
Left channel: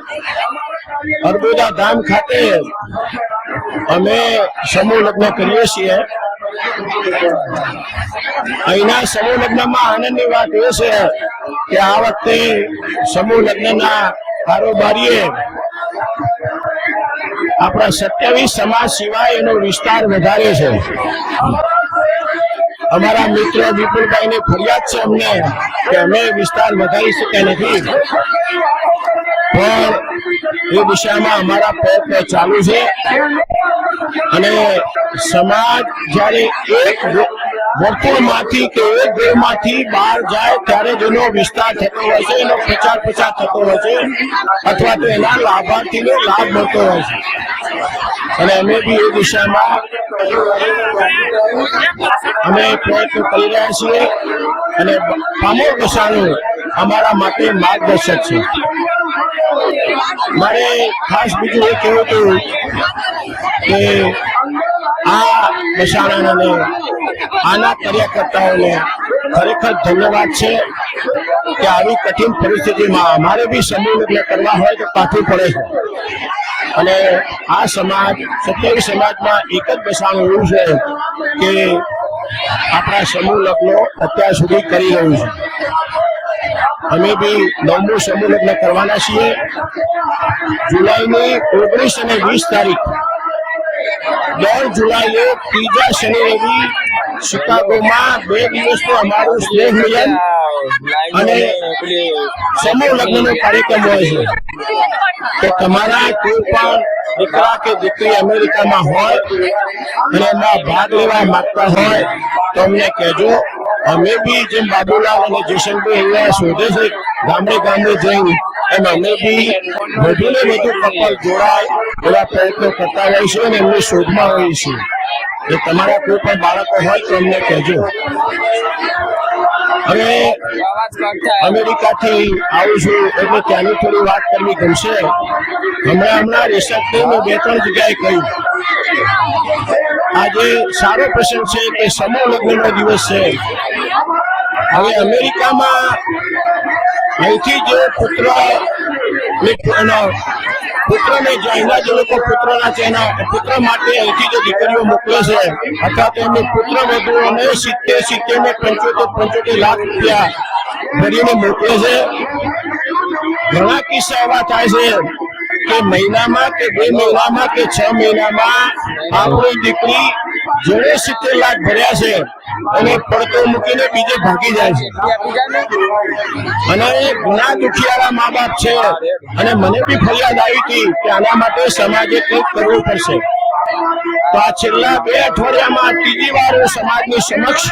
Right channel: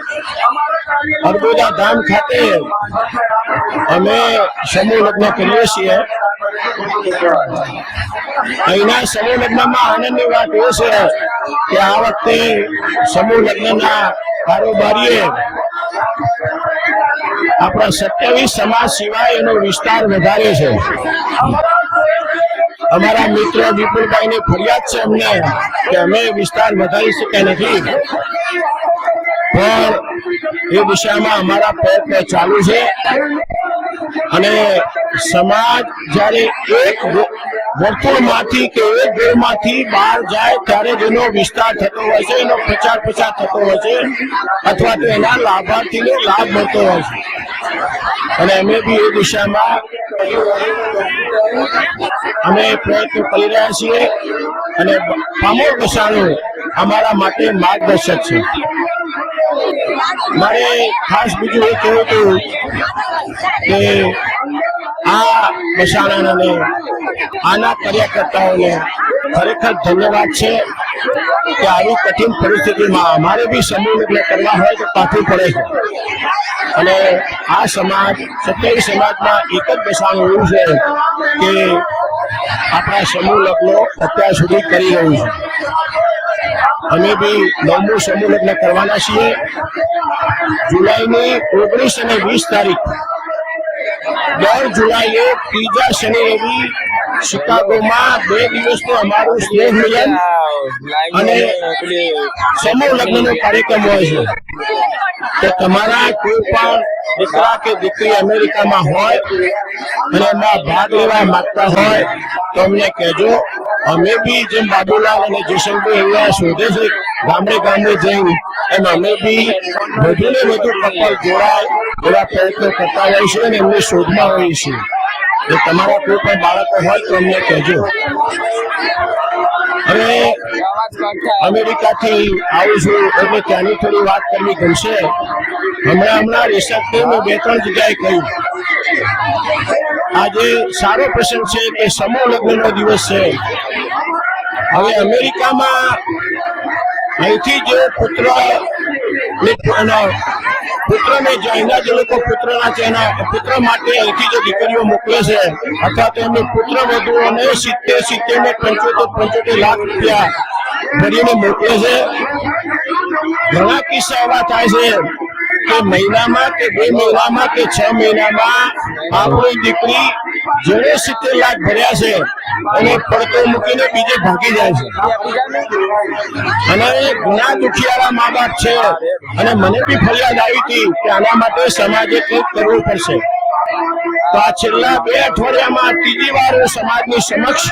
અર્બુદા ધામ ખાતે અમે સમૂહ લગ્ન કરીએ છીએ. અહીંના સમૂહ લગ્નમાં આનંદની વાત એ છે કે આ વખતે સમૂહ લગ્નના કારોબારીએ આપણા 27 સમાજ સિવાય એનો વિસ્તાર વધારે છે. અમારા મિત્ર વિપુલભાઈ ની ફરિયાદ છે અમને કે અમે વિસ્તાર વધારી શક્યા નથી, પણ એ દિશામાં અમારા પ્રયત્ન ચાલુ છે. અને સમાજ જ્યારે એક વર્તુળમાંથી કે એક ઘરમાંથી બહાર જાય ત્યારે જેનો વિસ્તાર થતો હોય છે, એનો પ્રચાર પ્રસાર થતો હોય છે, અથવા તો એના લાભાર્થીને લાભ મળતો હોય છે. અને અમે બી એ દિશામાં અમે પ્રયત્ન કરી રહ્યા છીએ. અને પામોલ બસારો અમારા માટે માર્ગદર્શક છે. મારે ખાસ બીજું એ કહેવું હતું કે આ બસારાને આના કાર્યકર્તાઓને ખરેખર ધન્યવાદ છે કે આવી કઠિન પરિસ્થિતિમાં અમારે બી સમૂહ લગ્ન કરવા હોય તો પાછું પડે છે. અને આ સમાજ 27 સમાજમાં એક જ બસારું એવું છે કે આપણે સમૂહ લગ્નો અત્યાર સુધી કરી રહ્યું છે. અમે બી 9મું સમૂહ લગ્ન કરવાના છીએ. જુલાઈની 19 અને 20 તારીખ, 10 જુલાઈએ ત્રીજા શનિ રવિ શિકાગોમાં 2 દિવસનું અમારું સ્નેહ મિલન અને સમૂહ લગ્નનો કાર્યક્રમ હોય છે. કે તમારા કોઈ પણ દીકરા કે દીકરી અમેરિકામાં હોય અને એમાં ભાગ લેવા માંગતા હોય તો અમને કહેજો. અમે બી જેમ બાબુલાલ અને જયસિંહભાઈ અહીંયા શોધે છે ગામડે ગામડે જઈને, એમ અમે બી વધુ ને વધુ કપલ જોડાય એવા પ્રયત્નો કરતા હોઈશું અને એમની શોધમાં હોઈશું. જો તમારા કોઈ પણ બાળકો હોય તો અમને કહેજો. અને અમેરિકાથી આવું છું એટલે ત્યાંની થોડી વાત કરવી ગમશે. હમણાં રિસર્ચમાં 2-3 જગ્યાએ કહ્યું આજે સારો પ્રસંગ છે કે સમૂહ લગ્નનો દિવસ છે. હવે અમેરિકામાં અહીંથી જે પુત્રને જે એના જે લોકો પુત્રના છે એના પુત્ર માટે અહીંથી જે દીકરીઓ મોકલે છે અથવા તો એમની પુત્ર વધુઓને 70 ને 75 લાખ રૂપિયા કરીને મોકલે છે. ઘણા કિસ્સા એવા થાય છે કે મહિનામાં કે 2 મહિનામાં કે 6 મહિનામાં આપણી દીકરી જેણે 70 લાખ ભર્યા છે અને પડતો મૂકીને બીજે ભાગી જાય છે. અને ઘણા દુખિયારા મા બાપ છે. અને મને બી ફરિયાદ આવી હતી કે આના માટે સમાજે કંઈક કરવું પડશે. તો આ છેલ્લા 2 અઠવાડિયામાં ત્રીજી વાર હું સમાજની સમક્ષ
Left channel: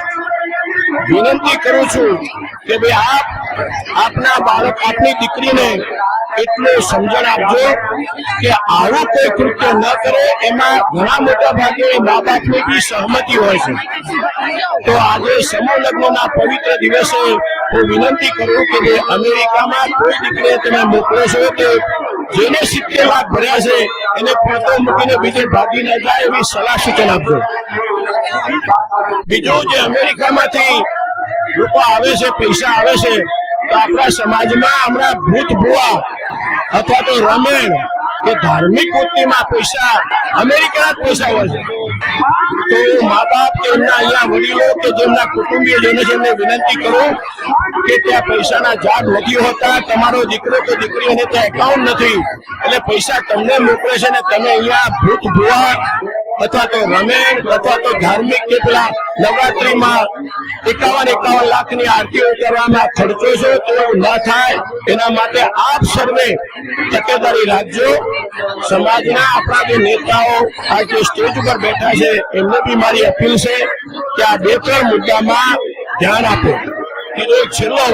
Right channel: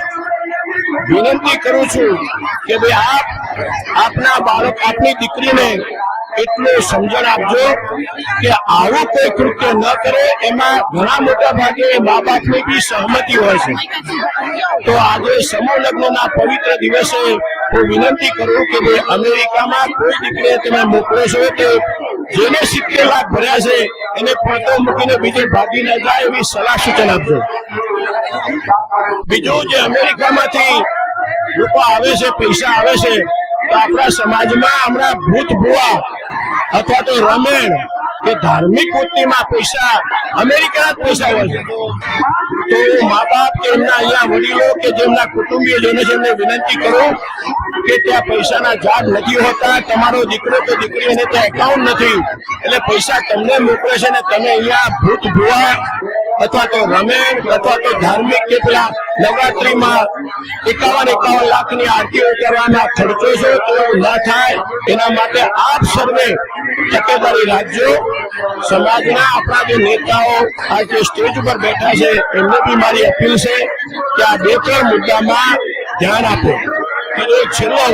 વિનંતી કરું છું કે આપના બાળક આપની દીકરીને એટલું સમજણ આપજો કે આવું કોઈ કૃત્ય ન કરે. એમાં ઘણા મોટા ભાગે મા બાપની બી સહમતિ હોય છે. તો આજે સમૂહ લગ્નના પવિત્ર દિવસે હું વિનંતી કરું કે અમેરિકામાં કોઈ દીકરીને તમે મોકલો છો તો જેને 70 લાખ ભર્યા છે એને પડતો મૂકીને બીજે ભાગી ન જાય એવી સલાહ સૂચન આપજો. બીજું જે અમેરિકામાંથી લોકો આવે છે, પૈસા આવે છે, તો આપણા સમાજમાં હમણાં ભૂત ભુવા અથવા તો રામાયણ કે ધાર્મિક વૃત્તિમાં પૈસા અમેરિકા પૈસા હોય છે. તો મા બાપ કે એમના અહીંયા વડીલો કે જેમના કુટુંબીયજનો છે એમને વિનંતી કરું કે ત્યાં પૈસાના ઝાડ નથી હોતા. તમારો દીકરો કે દીકરી એને ત્યાં એકાઉન્ટ નથી એટલે પૈસા તમને મોકલે છે ને તમે અહીંયા ભૂત ભુવા અથવા તો રામાયણ અથવા તો ધાર્મિક કેટલા નવરાત્રીમાં 51 લાખની આરતીઓ કરવામાં ખર્ચો છે. તો ના થાય એના માટે આપ સર્વે તકેદારી રાખજો. સમાજના આપણા જે નેતાઓ આજે સ્ટેજ ઉપર બેઠા છે એમને બી મારી અપીલ છે કે આ 2-3 મુદ્દામાં ધ્યાન આપો. છેલ્લો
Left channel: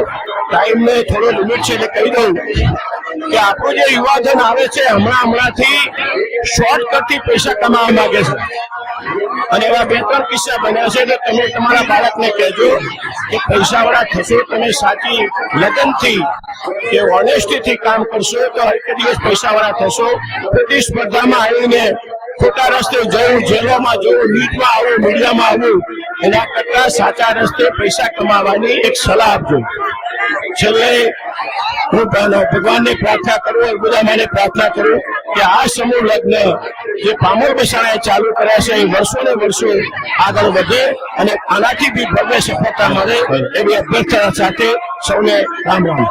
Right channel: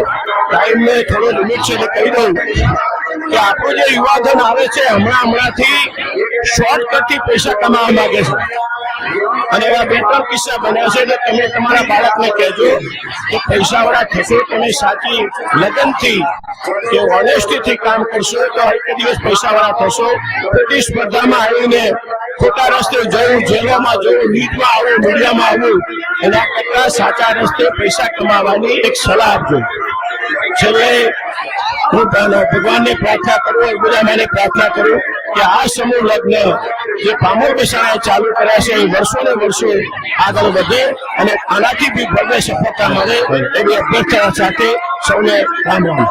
ટાઈમને થોડો લિમિટ છે એટલે કહી દઉં કે આપણું જે યુવાધન આવે છે હમણાંથી શોર્ટકટથી પૈસા કમાવા માંગે છે. અને એવા 2-3 કિસ્સા બન્યા છે. એટલે તમે તમારા બાળકને કહેજો કે પૈસાવાળા થશો, તમે સાચી લગનથી કે ઓનેસ્ટીથી કામ કરશો તો એક દિવસ પૈસાવાળા થશો. પ્રતિસ્પર્ધામાં આવીને ખોટા રસ્તે જવું, જેલોમાં જવું, નીટમાં આવવું, મીડિયામાં આવવું એના કરતા સાચા રસ્તે પૈસા કમાવાની એક સલાહ આપજો. છેલ્લે હું ભગવાનને પ્રાર્થના કરું, બધા માટે પ્રાર્થના કરું કે આ સમૂહ લગ્ન જે પામોર બસાણા ચાલુ કર્યા છે એ વર્ષો ને વર્ષો આગળ વધે અને આનાથી બી ભવ્ય સફળતા મળે એવી અભ્યર્થના સાથે સૌને રામ રામ.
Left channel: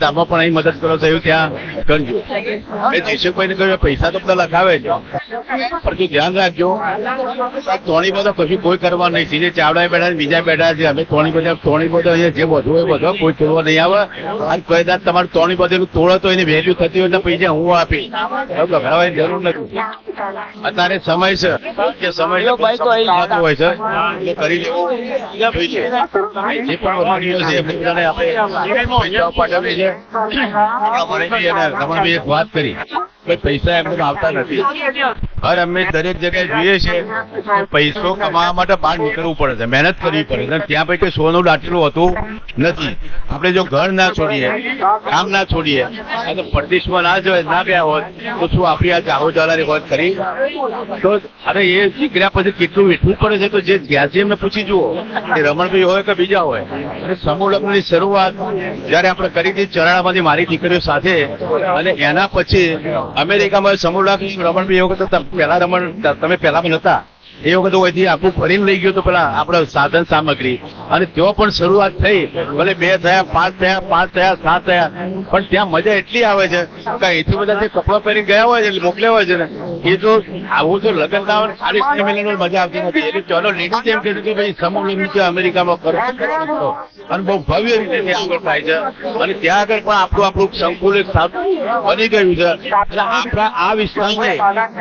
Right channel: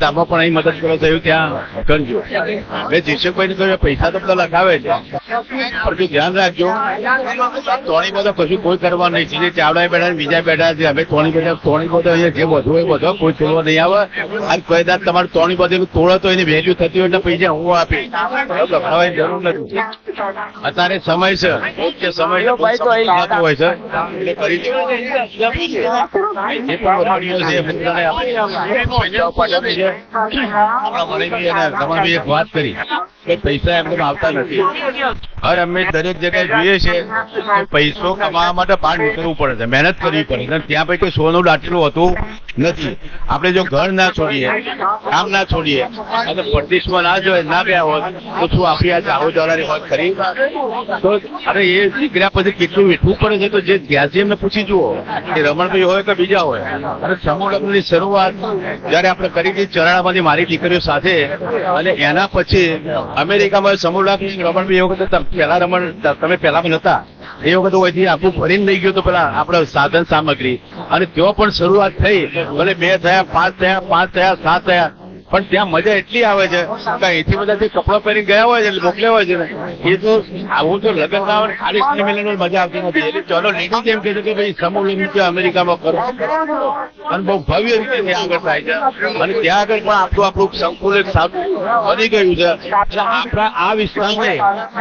ધામો પણ અહીં મદદ કરો છો ત્યાં કરજો. મેં જેસુભાઈને કહ્યું પૈસા તો બધા લખાવે છે પણ તું ધ્યાન રાખજો તોણી બધું કશું કોઈ કરવા નહીં. જેને ચાવડા બેઠા બીજા બેઠા છે અમે તોણી બધો અહીંયા જે વધુ હોય બધો કોઈ તોડવા નહીં આવે. આજ ફાયદા તમારું તોણી બધું તોડે તો એને વેલ્યુ થતી હોય એટલે પૈસા હું આપીશ. ગભરાવાની જરૂર નથી. અત્યારે સમય છે યોગ્ય સમય હોય છે એટલે કરી લેવું જોઈએ. જે પણ વડીલો છે બધાને આપણે પૈસા પાઠવીએ છીએ. આપણા વડીલ અને રમણભાઈ એક વાત કરી કે પૈસા એમને આવતા નથી. હર અમે દરેક જગ્યાએ જોઈએ છે કે પૈસો કમાવા માટે બહાર નીકળવું પડે છે, મહેનત કરવી પડે છે. ત્યાં પછી સોનું દાટલું હોતું નથી. આપણે જો ઘર ના છોડીએ, કામ ના છોડીએ, પરદેશમાં ના જોઈએ ના ગયા હોત તો શું આપણી આ ચાહોદારાની વાત કરી તો અરે એ નીકળ્યા પછી કેટલું વેઠવું પડે છે. તો જે જ્યાંથી એમને પૂછી જુઓ એ રમણભાઈ હોય કે બીજા હોય. અને સમૂહ લગ્નની શરૂઆત જયારે આપણે કરી હતી ચરાણામાંથી મારી દીકરીઓ સાથે અને એના પછી અમેરિકામાં સમૂહ લગ્ન રમણભાઈ એ વખતે પહેલા તમે પહેલામાં નતા એ વખતે હોયથી આપણું ભરી લઈ ગયો તો પેલા આપણે સાધન સામગ્રી અને ત્યાં પણ શરૂઆત થઈ. ભલે 2 થયા 5 થયા 5 થયા 7 થયા પણ ત્યાં મજા એટલી આવે છે કે અહીંથી બધા જે કપડા પહેરી ગયા હોય છે મોકલ્યા હોય છે ને એ તો આવું તો લગ્ન ના હોય ખાલી સ્નેહ મજા આવતી નથી. એટલે ચાલો લેડી એમ કહેતું કે ભાઈ સમૂહ લગ્ન છે અમેરિકામાં અને બહુ ભવ્ય રીતે ત્યાં આગળ થાય છે અને ત્યાં આગળ પણ આપણું સંકુલ એક બની ગયું છે. એટલે આપણા આ વિસ્તારને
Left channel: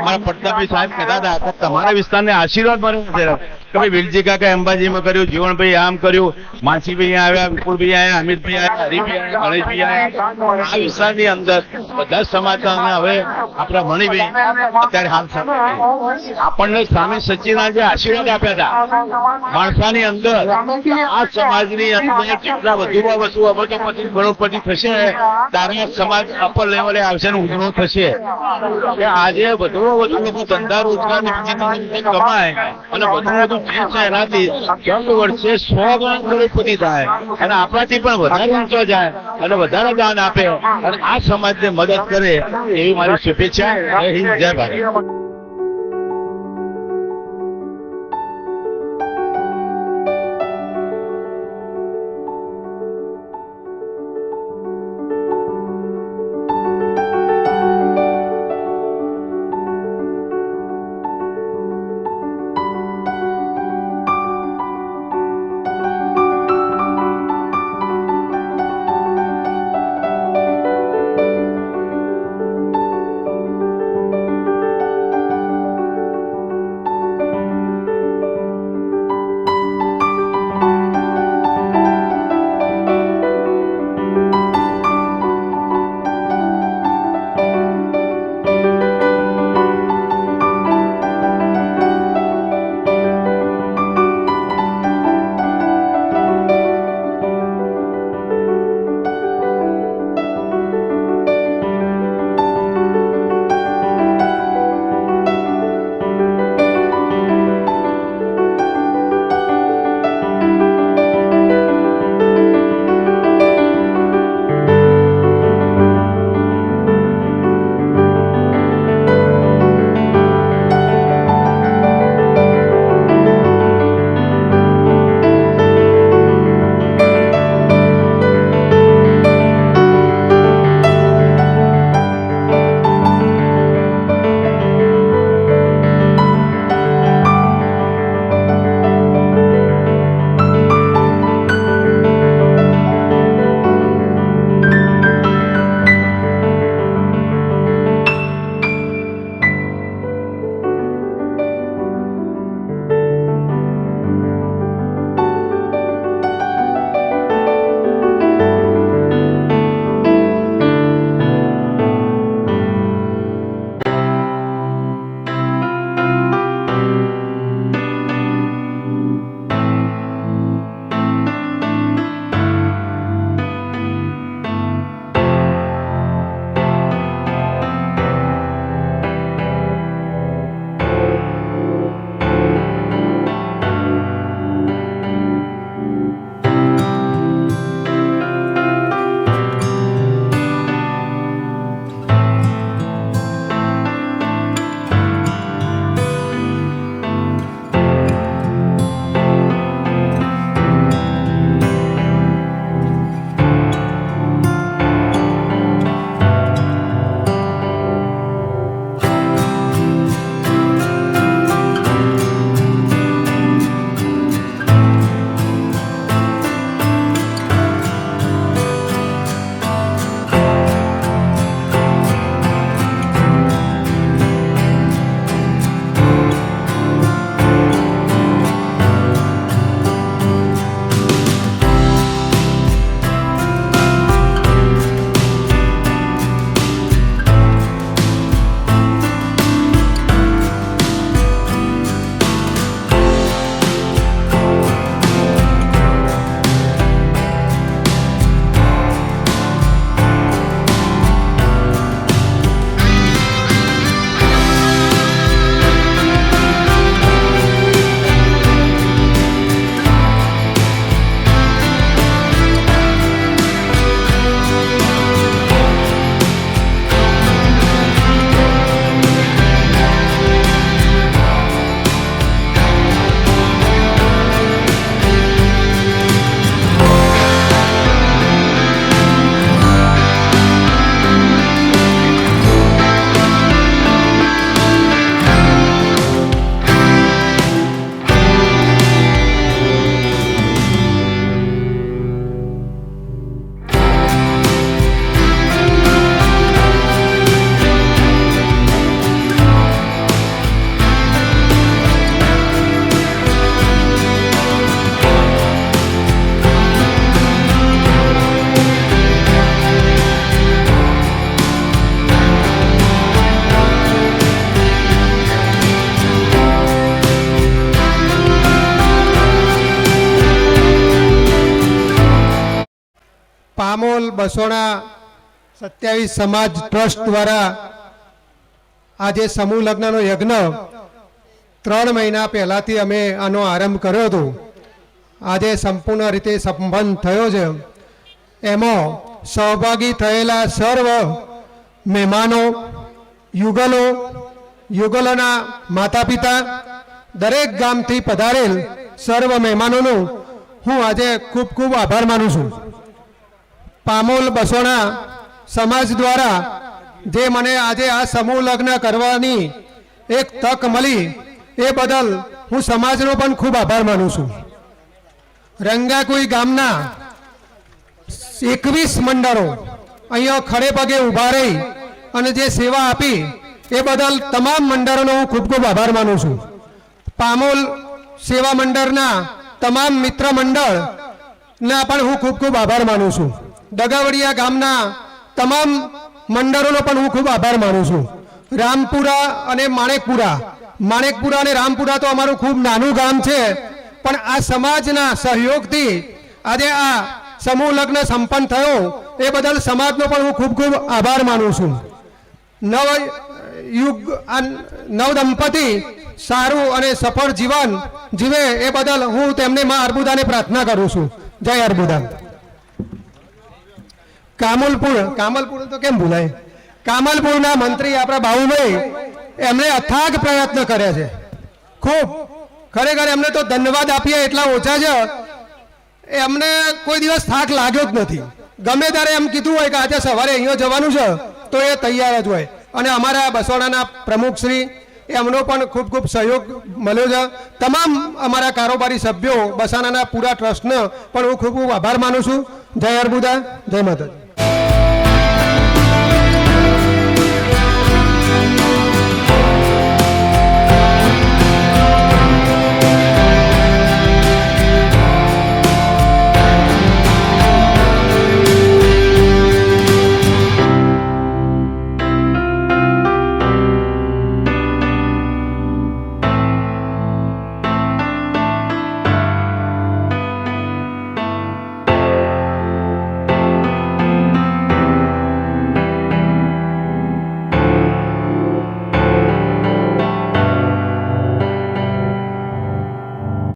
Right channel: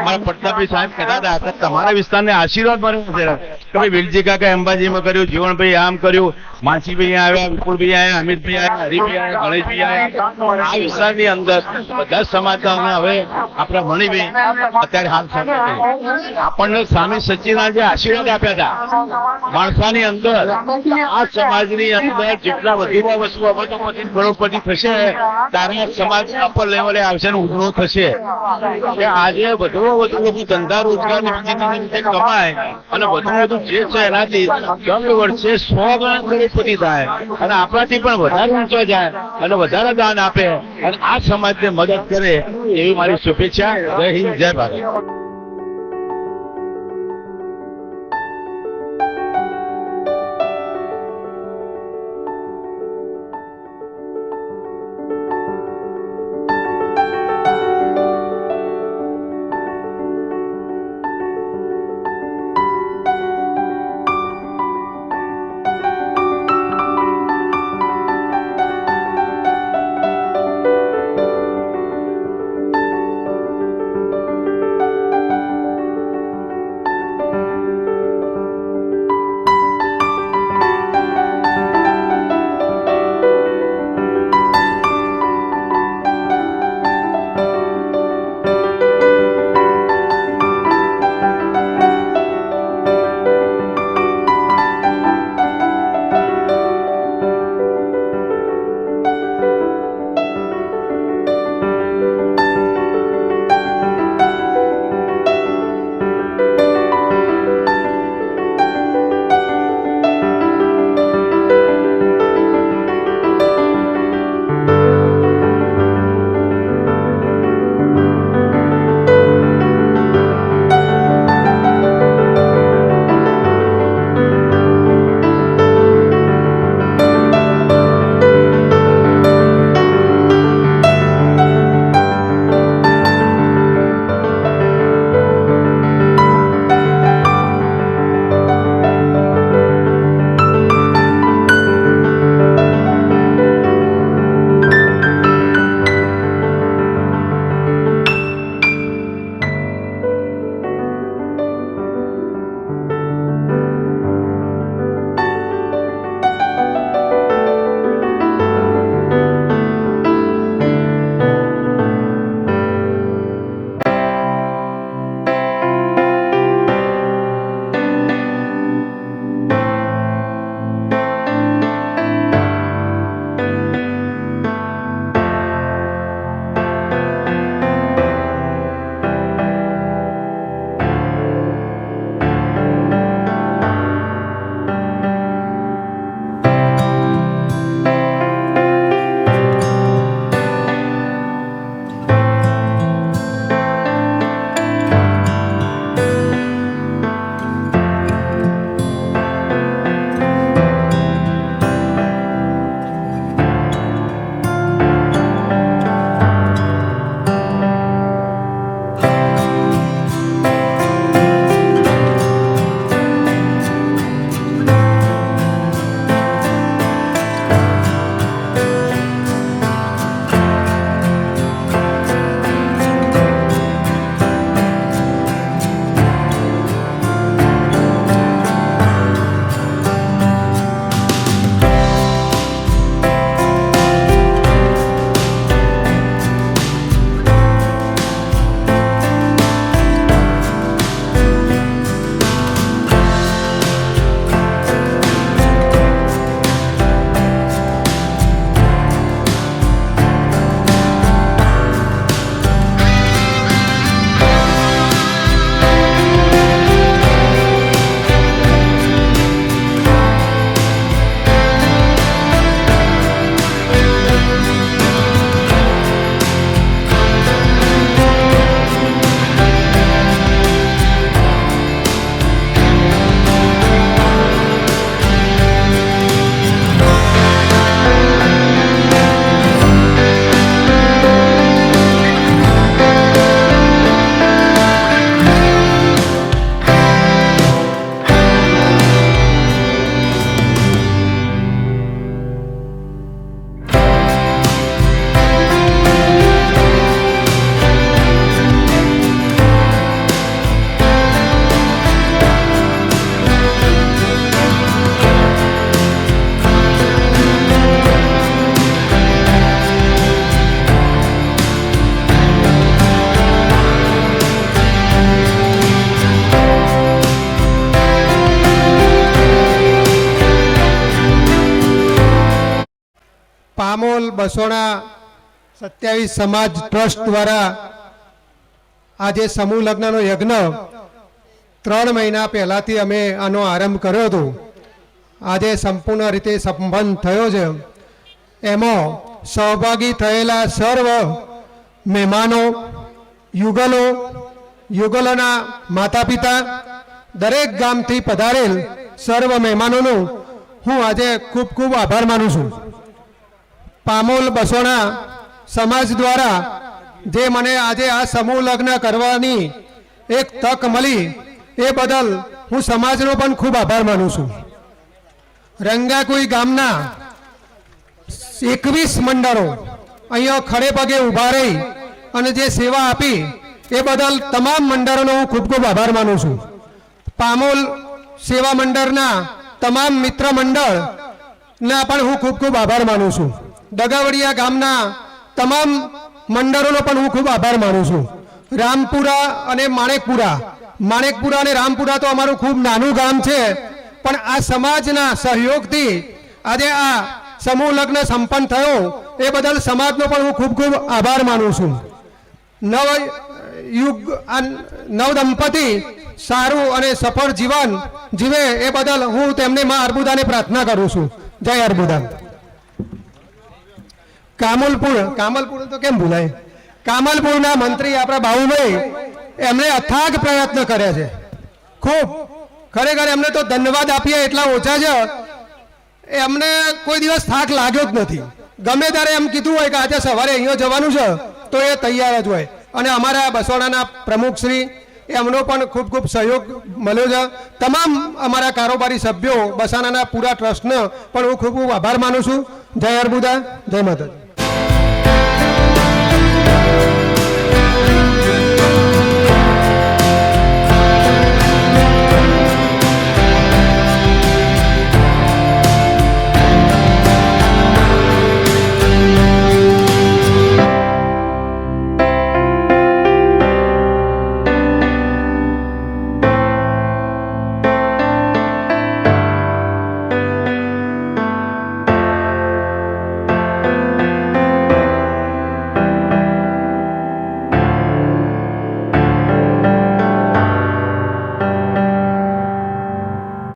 આ પ્રતાપભાઈ સાહેબ કહેતા હતા તમારા વિસ્તારને આશીર્વાદ મળ્યો છે. વિલજી કાકા અંબાજીમાં કર્યું, જીવણભાઈ આમ કર્યું, માનસીભાઈ આવ્યા, વિપુલભાઈ આવ્યા, અમિતભાઈ આવ્યા, હરિભાઈ આવ્યા, ગણેશભાઈ આવ્યા. આ વિસ્તારની અંદર બધા સમાજના હવે આપણા મણિભાઈ અત્યારે હાલ આપણને સ્વામી સચ્ચિદાનંદે આશીર્વાદ આપ્યા હતા. ભાષાની અંદર આ સમાજની અંદર જેટલા વધુમાં વધુ અબજોપતિ કરોડપતિ થશે તારા સમાજ અપર લેવલે આવશે ને ઉજળો થશે. આજે વધુમાં વધુ લોકો ધંધા રોજગાર કમાય અને વધુ વધુ જે છે એનાથી 10 વર્ષે 100 ગણા કરોડપતિ થાય અને આપણાથી પણ વધારે ઊંચો જાય અને વધારે દાન આપે અને આ સમાજને મદદ કરે એવી મારી શુભેચ્છા. જય હિન્દ, જય ભારત. પામોલ બસોણા 27 સમાજ ટ્રસ્ટ દ્વારા આજે સમૂહ લગ્નનો યજ્ઞ 3 મહિના પહેલાથી અમે આનો આરંભ કર્યો હતો. આજે સંપૂર્ણ રીતે સંપન્ન થયો છે. એમાં સહભાગી થયેલા સર્વ મહેમાનો, યુગલોના માતા પિતા, દરેક ગામથી પધારેલ સર્વ મહેમાનોનો હું આજે ખૂબ ખૂબ આભાર માનું છું. પામોલ બસોણા સમાજ દ્વારા જે મને આજે આ સમૂહ લગ્ન કરવાની એક તક મળી એ બદલ હું સમાજનો પણ ખૂબ આભાર માનું છું. રંગાકુઈ ગામના 21 મંડળો અહીંયા ખડે પગે ઊભા રહી અને જે સેવા આપી એ બદલ તમામ મંડળોનો હું ખૂબ ખૂબ આભાર માનું છું. પામોલ સેવા મંડળના તમામ મિત્ર મંડળના પણ હું ખૂબ ખૂબ આભાર માનું છું. દગાવડિયા ગામના તમામ મંડળોનો પણ હું ખૂબ આભાર માનું છું. રામપુરા અને માણેકપુરા અને રામપુરા તો અમારું ખૂબ નાનું ગામ છે, પણ આ સમાજના સહયોગથી આજે આ સમૂહ લગ્ન સંપન્ન થયો એ બદલ સમાજનો પણ હું ખૂબ ખૂબ આભાર માનું છું. નવ દંપતી સારું અને સફળ જીવન જીવે એ બદલ હું તેમને માં અર્બુદાને પ્રાર્થના કરું છું. જય અર્બુદા. કામલપુર તો કેમ ભૂલાય? કામલપુરના મંત્રી આપણા બાબુભાઈ એમણે અથાગ પ્રયત્ન કર્યા છે. ખૂબ ખરેખર એમને તો ધન્યવાદ આપીએ એટલા ઓછા છે. એમને કોઈ દિવસ થાક લાગ્યો જ નથી. ગમે ત્યારે એમ કીધું હોય કે આજે સવારે અહીંયા જવાનું છે તો એ તૈયાર જ હોય. અને અમારા બસવાડાના પ્રમુખશ્રી એમનો પણ ખૂબ ખૂબ સહયોગ મળ્યો છે. તમામ અમારા કારોબારી સભ્યો બસાણાના પૂરા ટ્રસ્ટનો પણ હું ખૂબ ખૂબ આભાર માનું છું. જય અર્બુદા, જય માતાજી.